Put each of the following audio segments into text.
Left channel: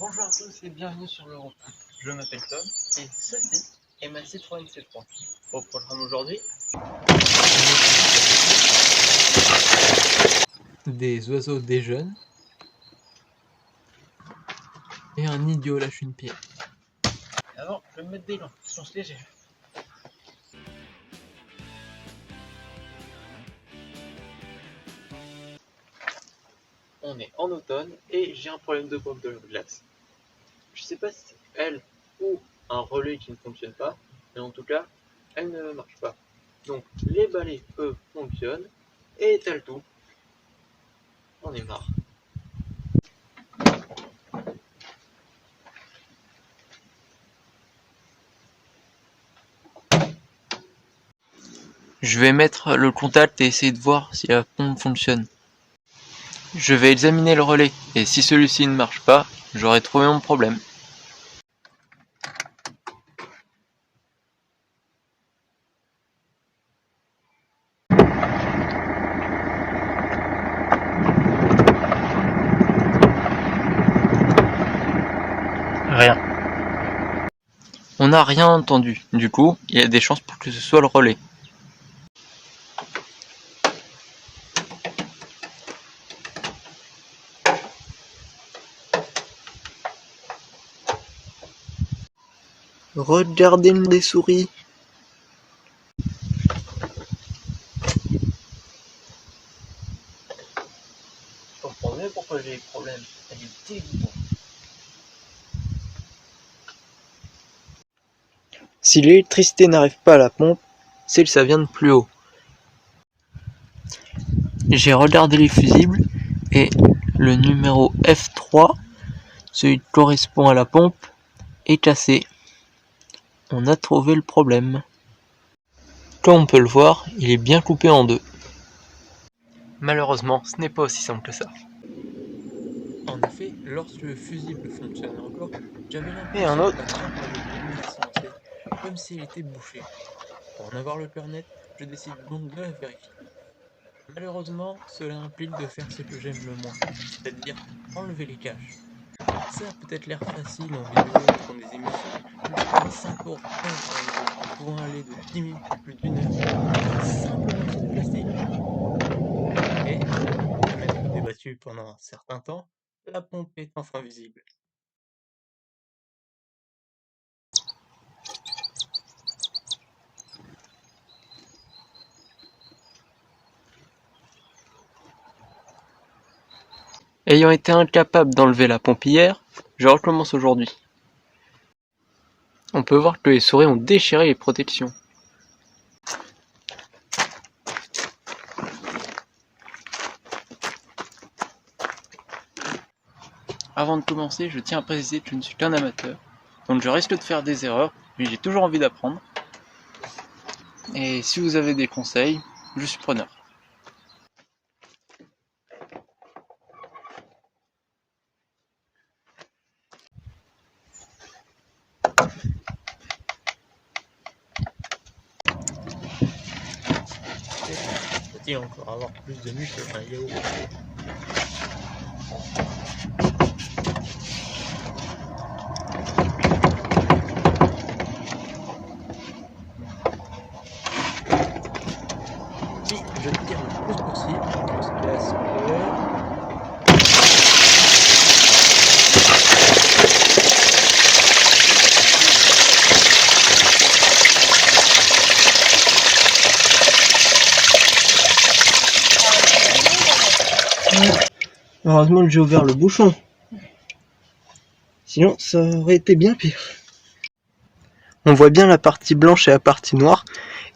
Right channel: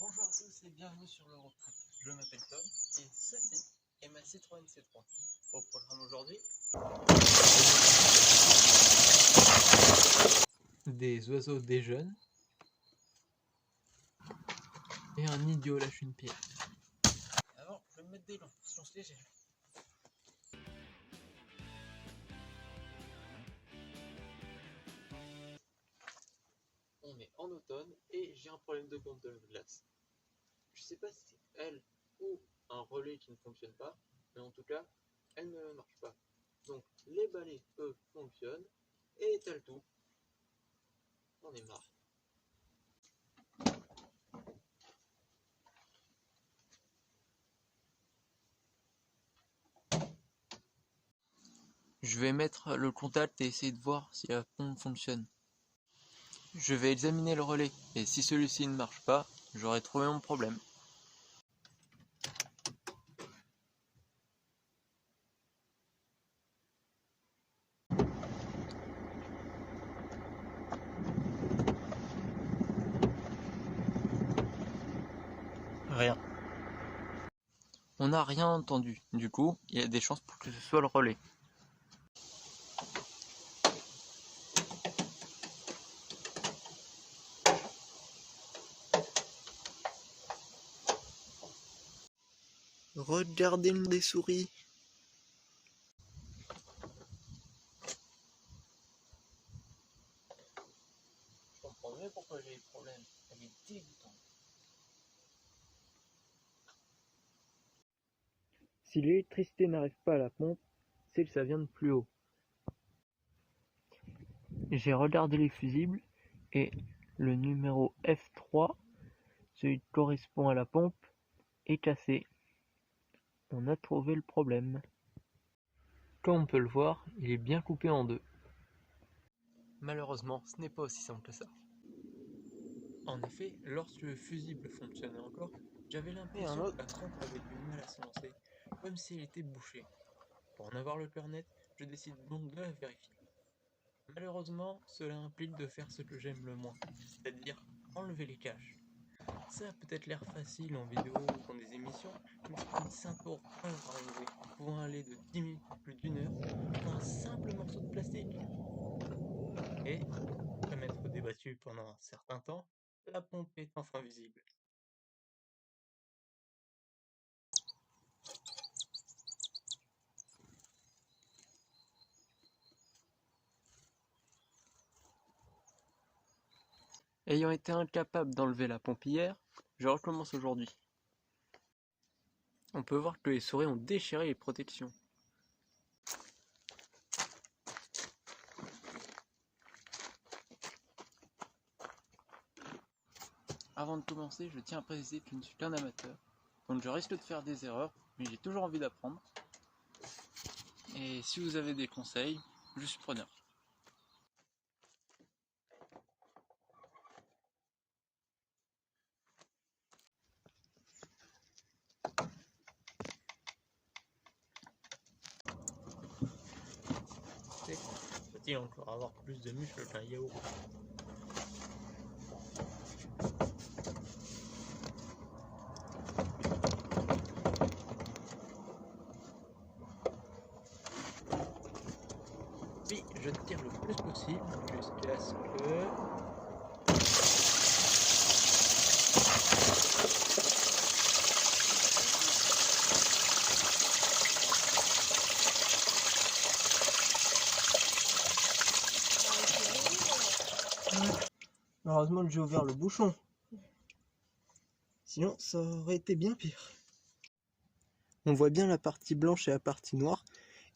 Bonjour à tous et bienvenue sur l'Europe. Je m'appelle Tom et ceci est ma Citroën C3. Au programme aujourd'hui, des oiseaux déjeunent et un idiot lâche une pierre. Avant, je vais me mettre des gants, science légère. On est en automne et j'ai un problème de pompe de glace. Je sais pas si c'est elle ou un relais qui ne fonctionne pas, mais en tout cas, elle ne marche pas. Donc les balais, eux, fonctionnent et étalent tout. On est marre. Je vais mettre le contact et essayer de voir si la pompe fonctionne. Je vais examiner le relais et si celui-ci ne marche pas, j'aurai trouvé mon problème. Rien. On n'a rien entendu, du coup, il y a des chances pour que ce soit le relais. Regardez les souris. Je comprends mieux pourquoi j'ai des problèmes. Elle est dégoûtante. Si l'électricité n'arrive pas à la pompe, c'est que ça vient de plus haut. J'ai regardé les fusibles et le numéro F3, celui qui correspond à la pompe, est cassé. On a trouvé le problème. Comme on peut le voir, il est bien coupé en deux. Malheureusement, ce n'est pas aussi simple que ça. En effet, lorsque le fusible fonctionnait encore, j'avais l'impression que la pompe avait du mal à se lancer, comme si elle était bouchée. Pour en avoir le cœur net, je décide donc de la vérifier. Malheureusement, cela implique de faire ce que j'aime le moins, c'est-à-dire enlever les caches. Ça a peut-être l'air facile en vidéo ou dans des émissions, mais se prendre 5 pour un enlever, pouvant aller de 10 minutes à plus d'1 heure, pour un simple morceau de plastique. Et, après m'être débattu pendant un certain temps, la pompe est enfin visible. Ayant été incapable d'enlever la pompe hier, je recommence aujourd'hui. On peut voir que les souris ont déchiré les protections. Avant de commencer, je tiens à préciser que je ne suis qu'un amateur, donc je risque de faire des erreurs, mais j'ai toujours envie d'apprendre. Et si vous avez des conseils, je suis preneur. Faut-il encore avoir plus de muscles qu'un yaourt? Si je tire le plus possible jusqu'à ce que... Heureusement que j'ai ouvert le bouchon. Sinon, ça aurait été bien pire. On voit bien la partie blanche et la partie noire,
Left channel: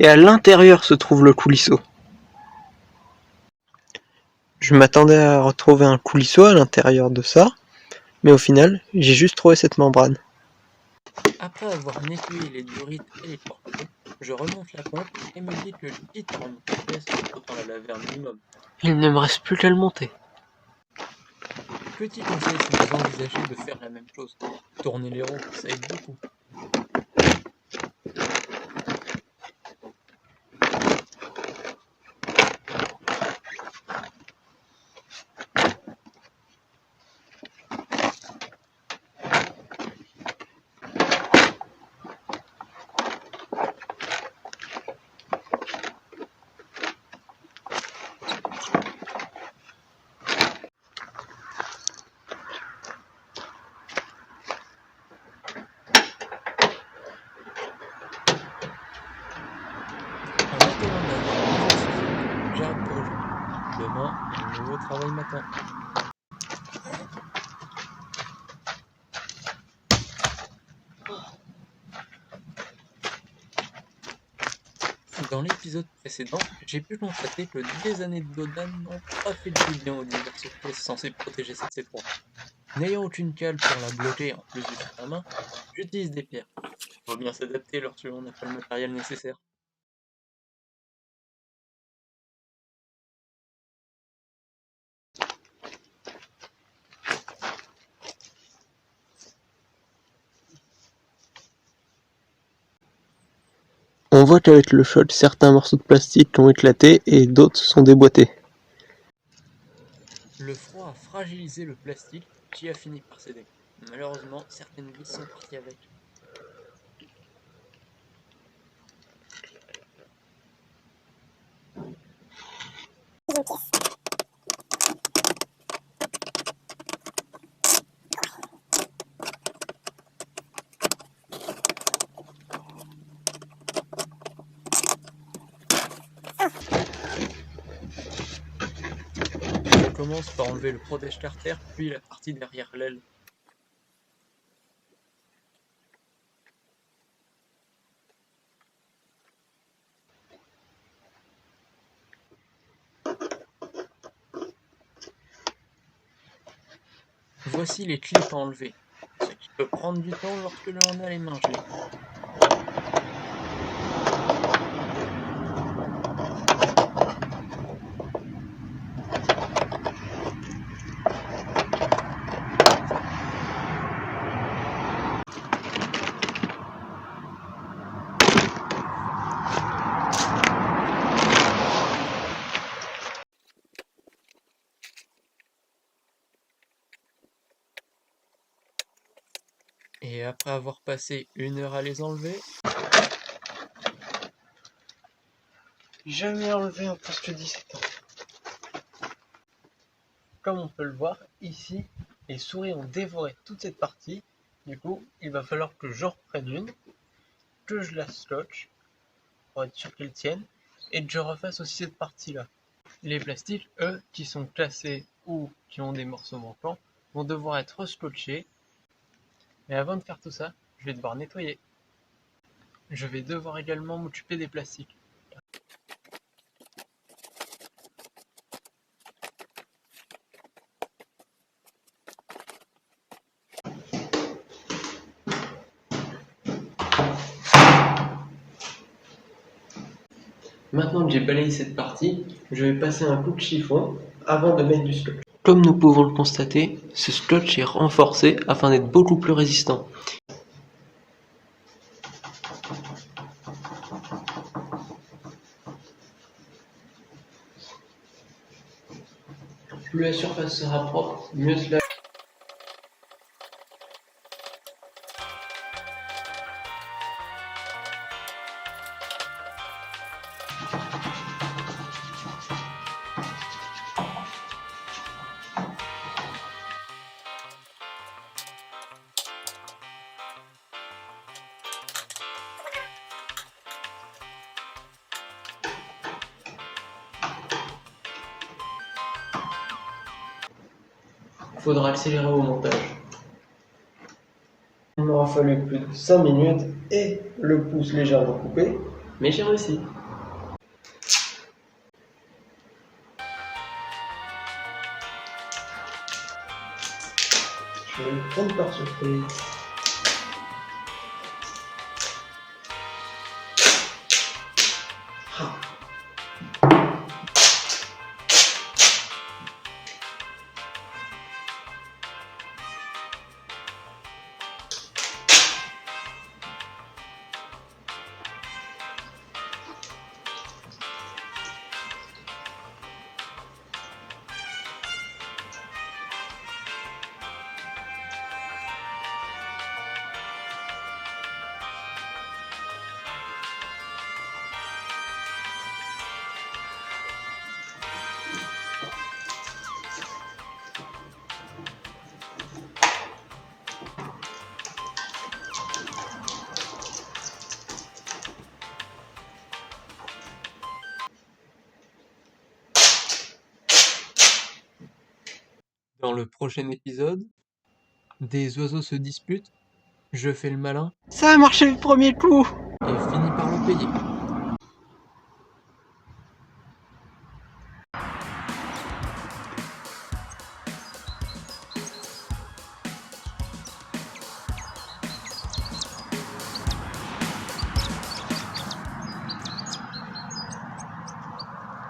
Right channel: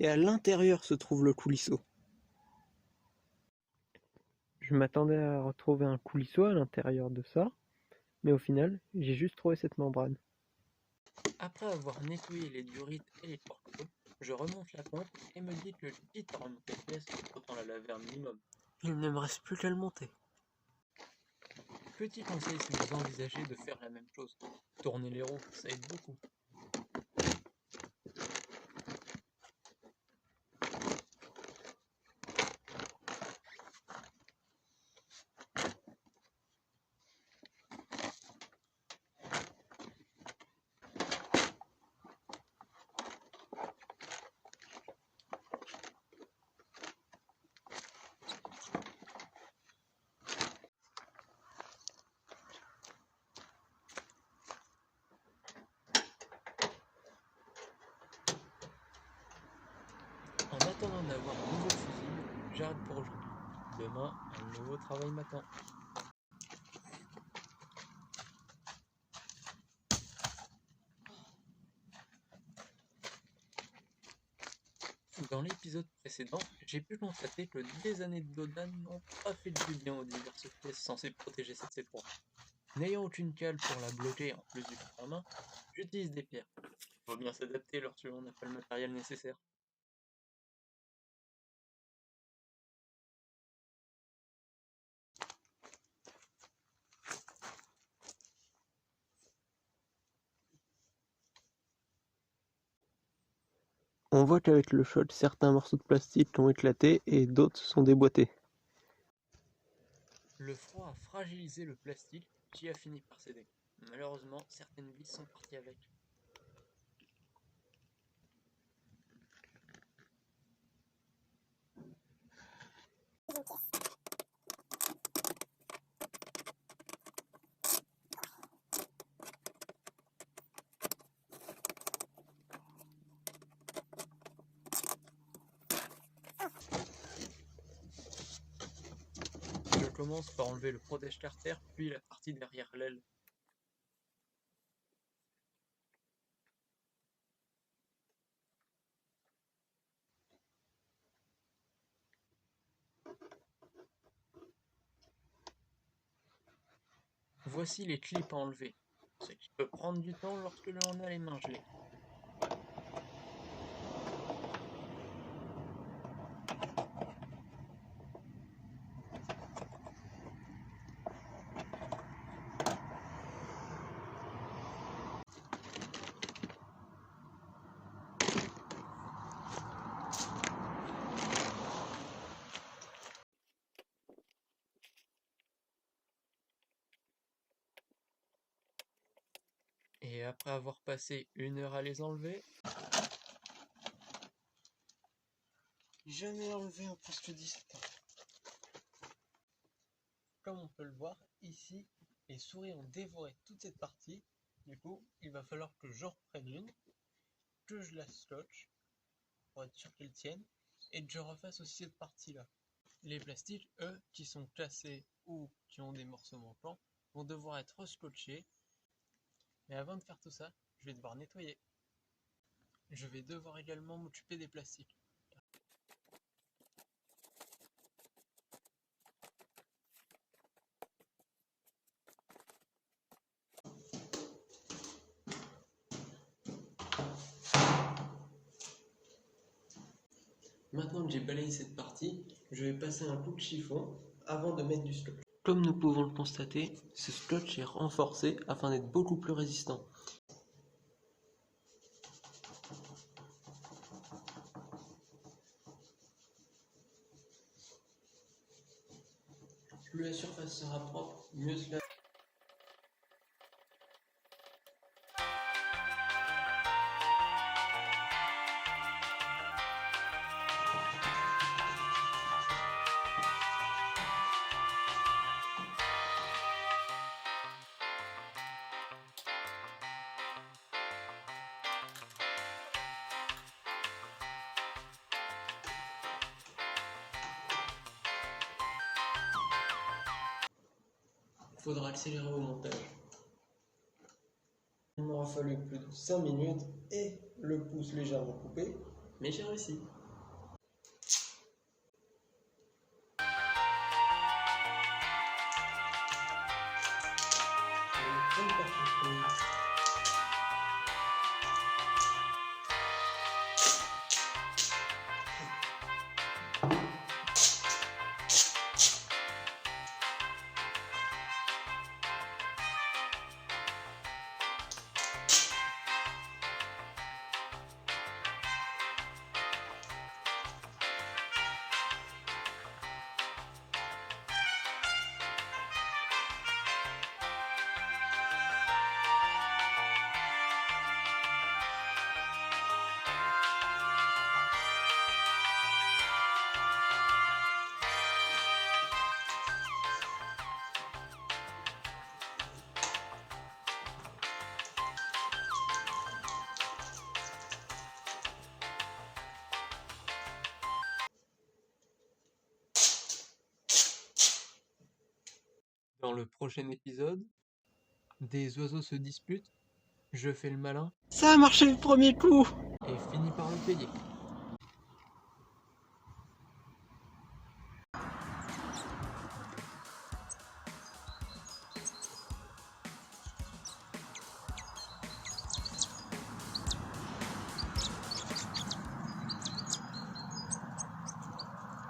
et à l'intérieur se trouve le coulisseau. Je m'attendais à retrouver un coulisseau à l'intérieur de ça, mais au final, j'ai juste trouvé cette membrane. Après avoir nettoyé les durites et les corbeaux, je remonte la pompe et me dis que le liquide remonte en pièce, autant la laver un minimum. Il ne me reste plus qu'à le monter. Petit conseil si vous envisagez de faire la même chose. Tourner les roues, ça aide beaucoup. nouveau travail m'attend. Dans l'épisode précédent, j'ai pu constater que des années de Dodan n'ont pas fait du bien aux diverses pièces censées protéger cette C3. N'ayant aucune cale pour la bloquer en plus du fer à main, j'utilise des pierres. Faut bien s'adapter lorsque l'on n'a pas le matériel nécessaire. On voit qu'avec le choc, certains morceaux de plastique ont éclaté et d'autres sont déboîtés. Le froid a fragilisé le plastique qui a fini par céder. Malheureusement, certaines vis sont parties avec. Je commence par enlever le protège-carter, puis la partie derrière l'aile. Voici les clips à enlever, ce qui peut prendre du temps lorsque l'on a les mains gelées. Et après avoir passé 1 heure à les enlever, J'ai jamais enlevé un poste 17 ans. Comme on peut le voir, ici, les souris ont dévoré toute cette partie. Du coup, il va falloir que j'en reprenne une, que je la scotche pour être sûr qu'elle tienne, et que je refasse aussi cette partie-là. les plastiques, eux, qui sont cassés ou qui ont des morceaux manquants, vont devoir être scotchés. Mais avant de faire tout ça, je vais devoir nettoyer. Je vais devoir également m'occuper des plastiques. Maintenant que j'ai balayé cette partie, je vais passer un coup de chiffon avant de mettre du scotch. Comme nous pouvons le constater, ce scotch est renforcé afin d'être beaucoup plus résistant. Plus la surface sera propre, mieux cela. Faudra accélérer au montage. Il m'aura fallu plus de 5 minutes et le pouce légèrement coupé, mais j'ai réussi. Je vais le prendre par surprise. Dans le prochain épisode, des oiseaux se disputent, je fais le malin Ça a marché le premier coup! et finis par le payer.